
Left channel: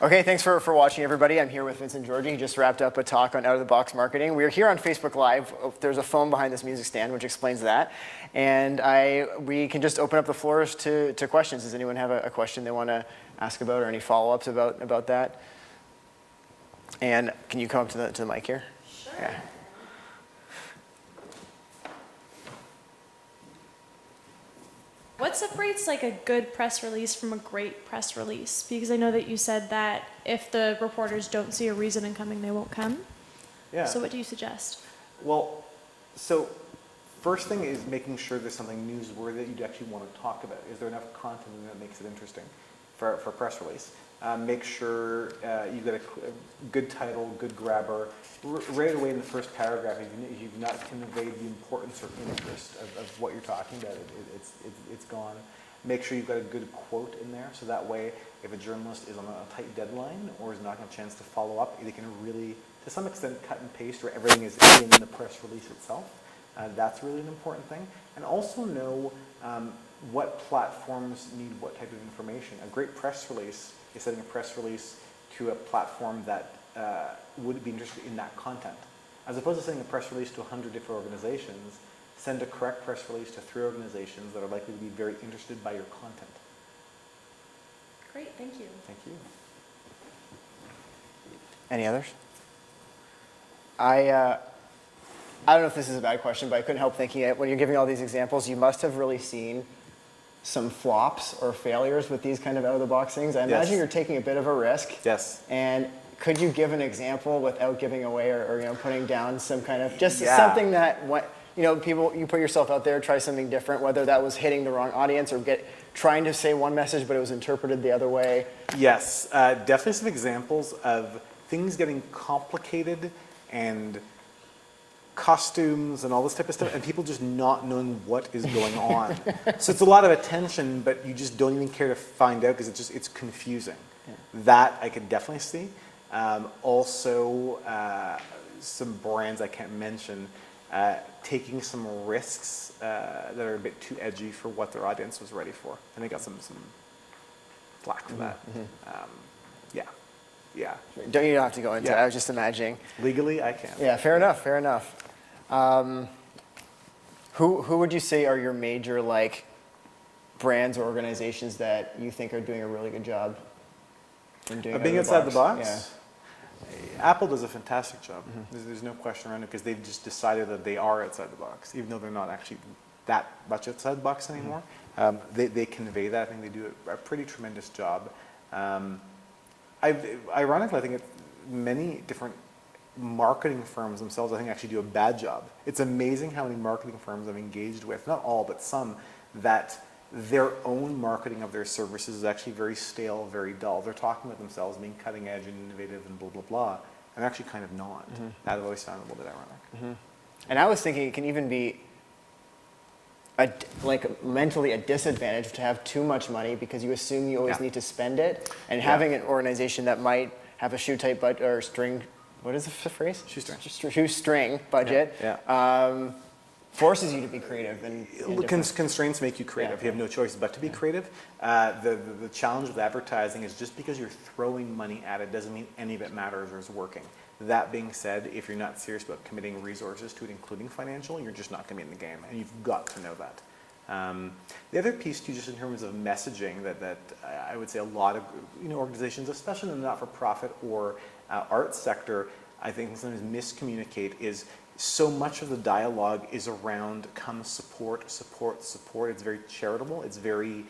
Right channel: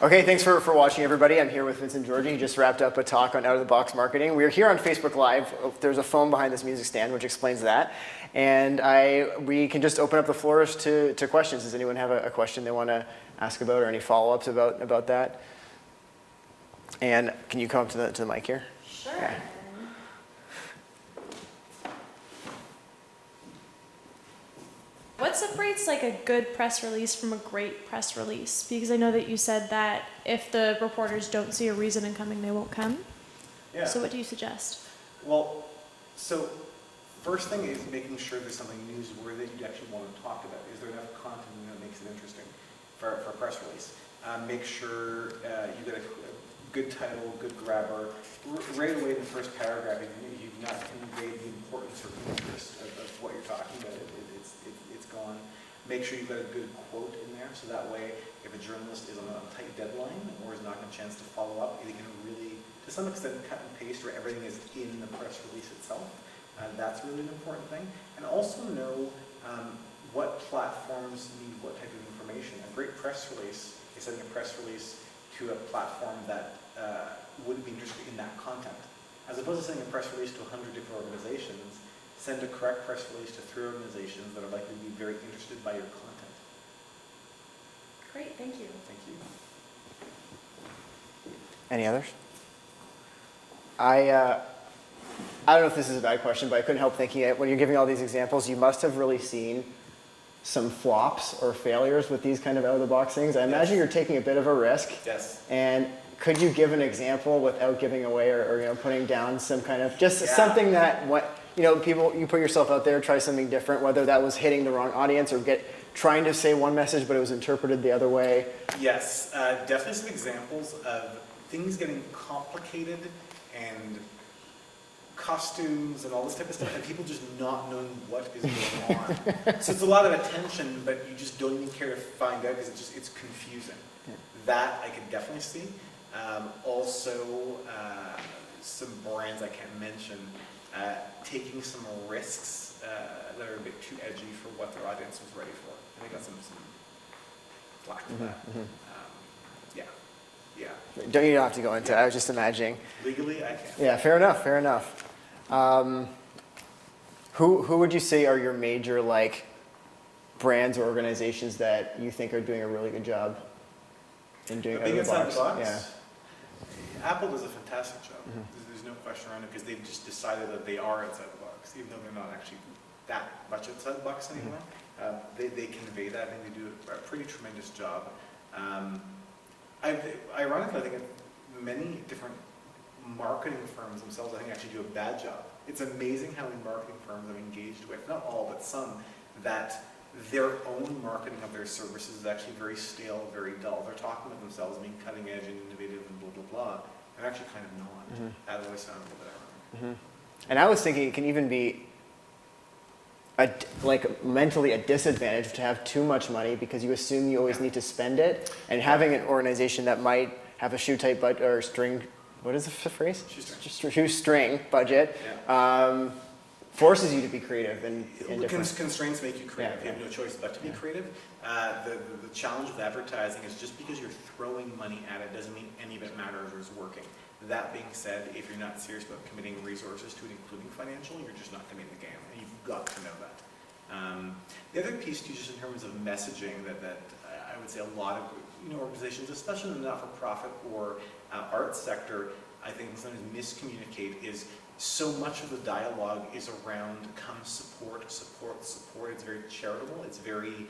Okay, thanks for watching, everybody. I'm here with Vincent and Georgie. He just wrapped up a talk on out-of-the-box marketing. We're here on Facebook Live. There's a phone behind this music stand which explains that. And we can just open up the floors to questions. Does anyone have a question they want to ask about or any follow-ups about that? And can you come up to the mic here? Sure. Yeah. What separates like a good press release from a great press release? Because I know that you said that if the reporters don't see a reason in coming, they won't come. Yeah. So what do you suggest? Well, so first thing is making sure there's something newsworthy that you actually want to talk about. Is there enough content that makes it interesting for a press release? Make sure you get a good title, good grabber. Right away in the first paragraph, if you've not conveyed the importance or interest of what you're talking about, it's gone. Make sure you've got a good quote in there, so that way if a journalist is on a tight deadline or is not getting a chance to follow up, they can really, to some extent, cut and paste where everything is in the press release itself. That's really an important thing. And also know what platforms need what type of information. A great press release is sending a press release to a platform that would be interested in that content. As opposed to sending a press release to 100 different organizations, send a correct press release to 3 organizations that are likely to be very interested by your content. Great, thank you. Thank you. Any others? I don't know if this is a bad question, but I couldn't help thinking it. When you're giving all these examples, you must have really seen some flops or failures with these kind of out-of-the-box things. I imagine you're taking a bit of a risk. Yes. And could you give an example without giving away or putting down some kind of something that people, you put yourself out there, try something different, whether that was hitting the wrong audience or trying to say one message but it was interpreted the other way? Yes, definitely some examples of things getting complicated and costumes and all this type of stuff, and people just not knowing what is going on. So it's a lot of attention, but you just don't even care to find out because it's confusing. Yeah. That I could definitely see. Also, some brands I can't mention taking some risks that are a bit too edgy for what their audience was ready for, and they got some flack for that. Mm-hmm. Yeah. Yeah. Don't you don't have to go into it. Yeah. I was just imagining. Legally, I can. Yeah, fair enough, fair enough. Who would you say are your major like brands or organizations that you think are doing a really good job in doing Being outside the box? Yeah. Apple does a fantastic job. There's no question around it because they've just decided that they are outside the box, even though they're not actually that much outside the box anymore. They convey that, and they do a pretty tremendous job. Ironically, I think many different marketing firms themselves, I think, actually do a bad job. It's amazing how many marketing firms I've engaged with, not all, but some, that their own marketing of their services is actually very stale, very dull. They're talking about themselves being cutting edge and innovative and blah, blah, blah. I'm actually kind of not. That always sounds a little bit ironic. And I was thinking it can even be like mentally a disadvantage to have too much money because you assume you always need to spend it. And having an organization that might have a shoe-type budget or string, what is the phrase? Shoestring. Shoestring budget. Forces you to be creative and different. Constraints make you creative. You have no choice but to be creative. The challenge with advertising is just because you're throwing money at it doesn't mean any of it matters or is working. That being said, if you're not serious about committing resources to it, including financial, you're just not going to be in the game, and you've got to know that. The other piece too, just in terms of messaging, that I would say a lot of organizations, especially in the not-for-profit or arts sector, I think sometimes miscommunicate is so much of the dialogue is around come support, support, support. It's very charitable. It's very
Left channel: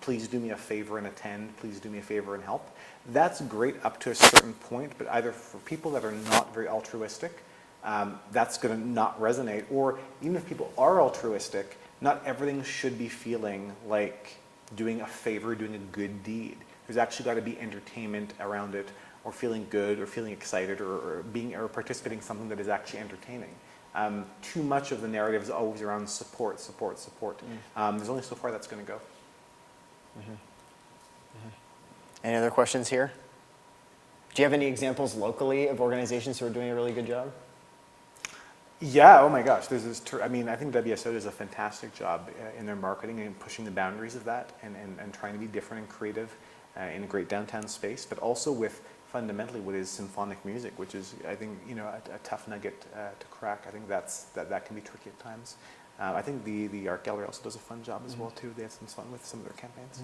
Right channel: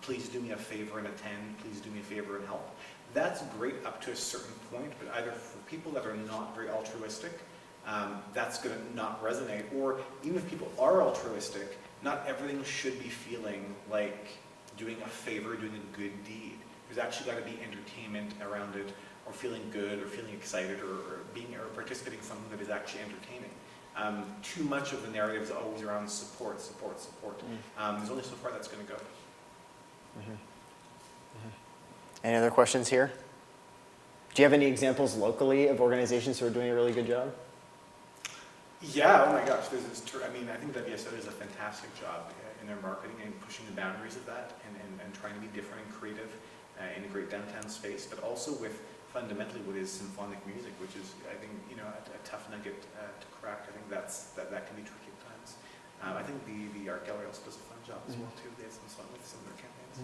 please do me a favor and attend, please do me a favor and help. That's great up to a certain point, but either for people that are not very altruistic, that's going to not resonate. Or even if people are altruistic, not everything should be feeling like doing a favor, doing a good deed. There's actually got to be entertainment around it, or feeling good, or feeling excited, or participating in something that is actually entertaining. Too much of the narrative is always around support, support, support. There's only so far that's going to go. Any other questions here? Do you have any examples locally of organizations who are doing a really good job? Yeah, oh my gosh. I think WSO does a fantastic job in their marketing and pushing the boundaries of that and trying to be different and creative in a great downtown space, but also with fundamentally what is symphonic music, which is, I think, a tough nugget to crack. I think that can be tricky at times. I think the art gallery also does a fun job as well too. They have some fun with some of their campaigns.